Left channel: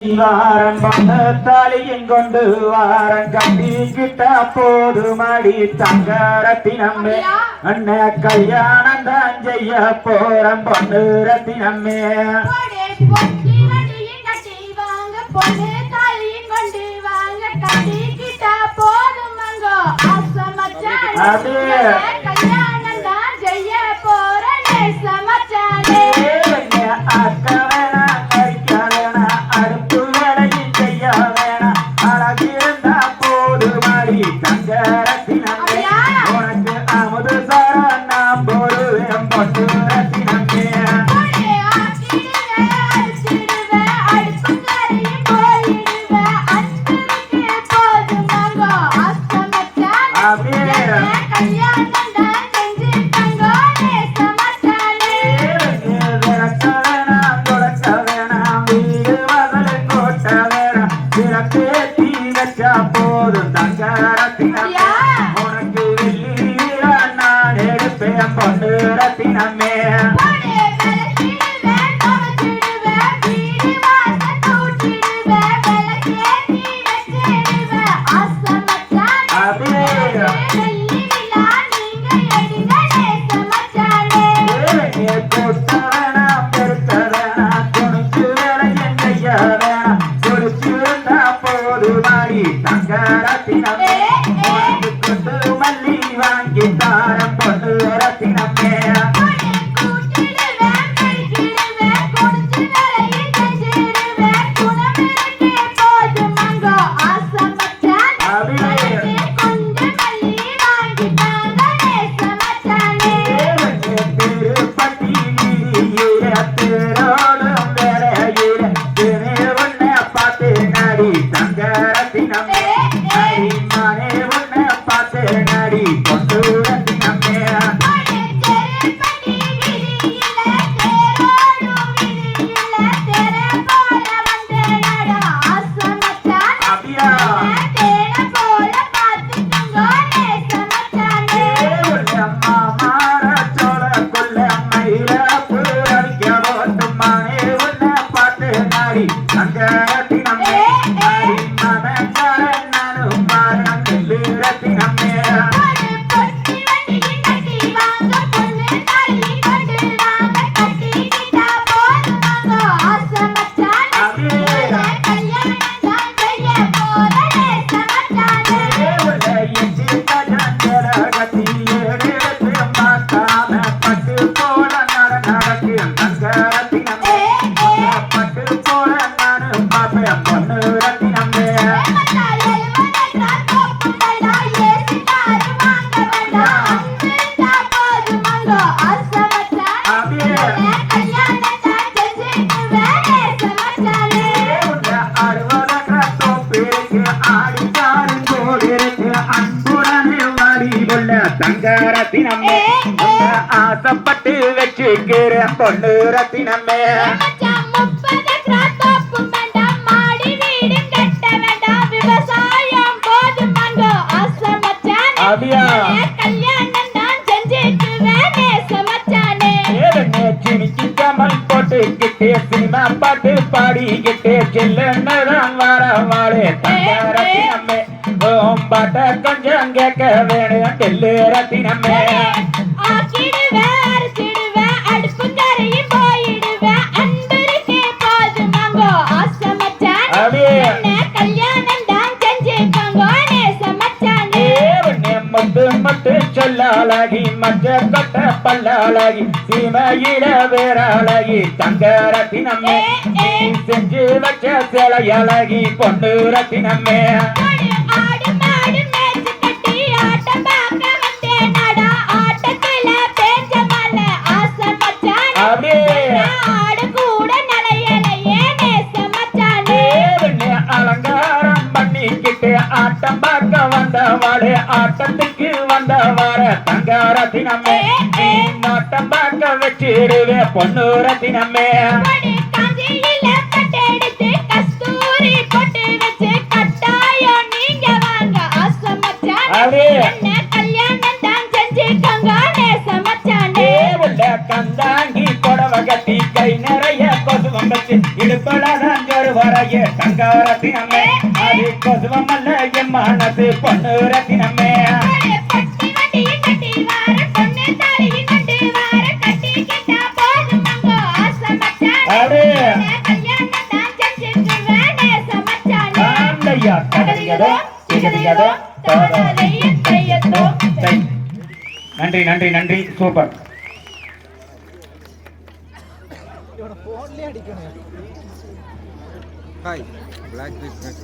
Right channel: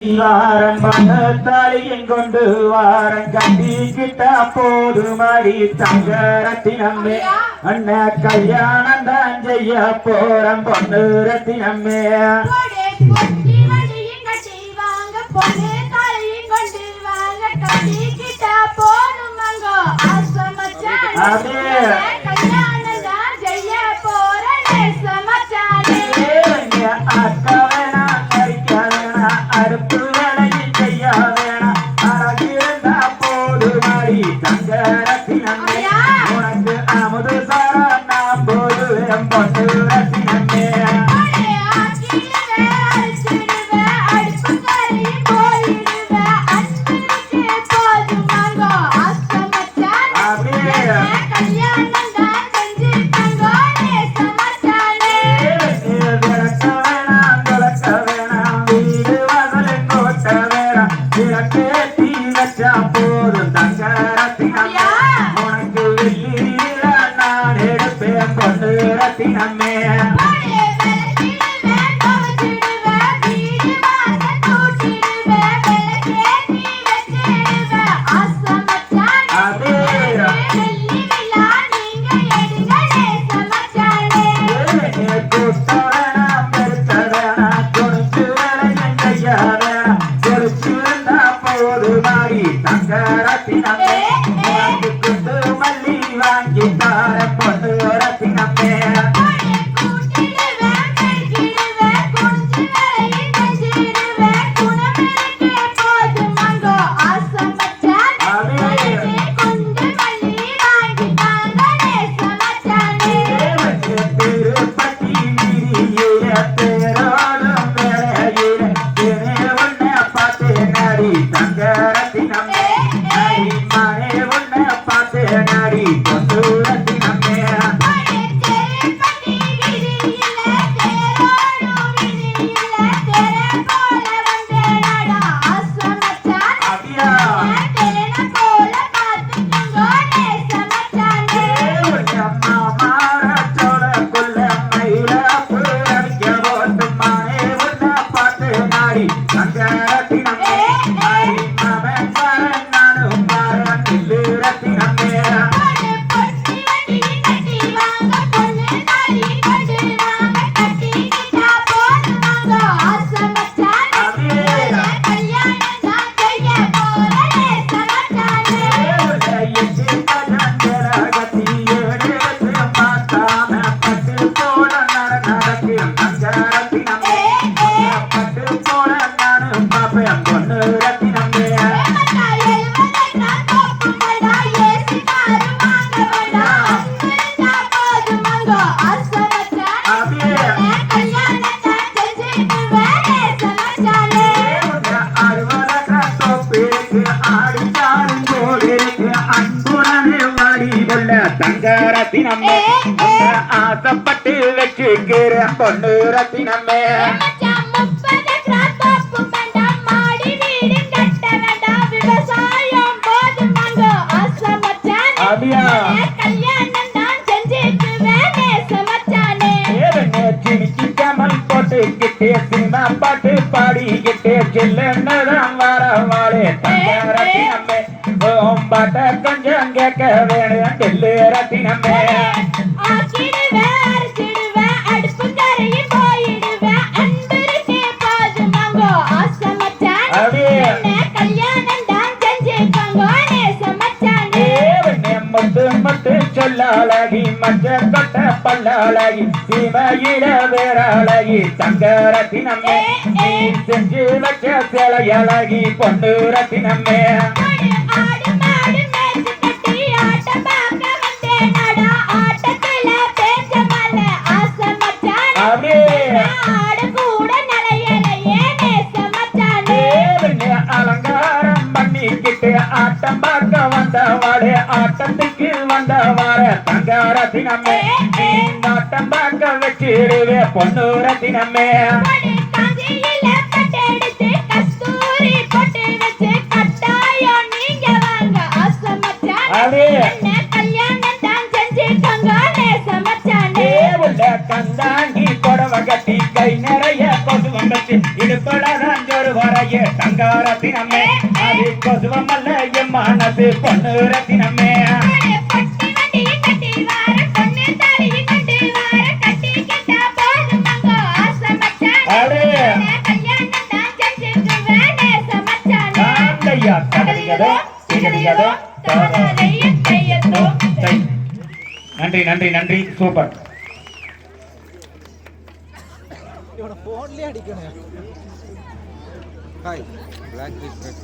Warren தாலியின் கொண்டு Warren கட்டிக்கிட்ட போது மாடி தங்கரத்தினம்மே அண்ண கல்யாணம் தான் செய்ய போறன் பொண்ணு ரத்தினம்மே அப்படியே உனக்கு அமுது சாரா நான் போடுவேன் பொண்ணு ரத்தினமே போதும் தங்க ரத்தினமே உனக்கு வெள்ளி நான் எடுப்பேன் பொண்ணு ரத்தினமே ரத்தினமே உனக்கு கொண்டு மல்லி வாங்கி தார பொண்ணு ரத்தினமே திருப்பட்டி வீதியில பேரோடும் வேலையில உன்னை பார்த்து நடி தங்க ரத்தினமே நானே உன்னை பார்த்து நடி பொண்ணு ரத்தினமே தங்க ரத்தினமே ஆசைப்பட்டு வச்சுக்கிற பொண்ணு ரத்தினமே அப்படியா கமல் போட்டுக்கிட்டே சின்ன பாட்டு பாடிக்கிட்டே செல்லுன்னதான் வர வாழே தங்க ரத்தினமே பாட்ட கொஞ்சம் கேட்க வேணும் தெல்லு ரத்தினமே முத்து சொல்லாளகி மஞ்ச கொட்ட பல்லாளகி சீமையில வேறாளகி தங்க ரத்தினமே செஞ்சு வச்ச சிலையழகி பொண்ணு ரத்தினமே அலங்காரம் பண்ணிக்கிட்டு ஆட்டம் பார்க்க வந்தவாடு ஆட்டத்துக்கு வந்தவார தங்க ரத்தினமே ஆட்டம் பார்க்க வச்சிருவே பொண்ணு ரத்தினமே கந்தாங்கி கொடவ கட்டி கை நிறைய கொசு வம்பத்து இடுப்படாதான் வரையே தங்க ரத்தினமே அது கொசுவமல்ல என் மனசு பொண்ணு ரத்தினமே அடே நன்றி நன்றி நன்றி சூப்பர் Hi, black business.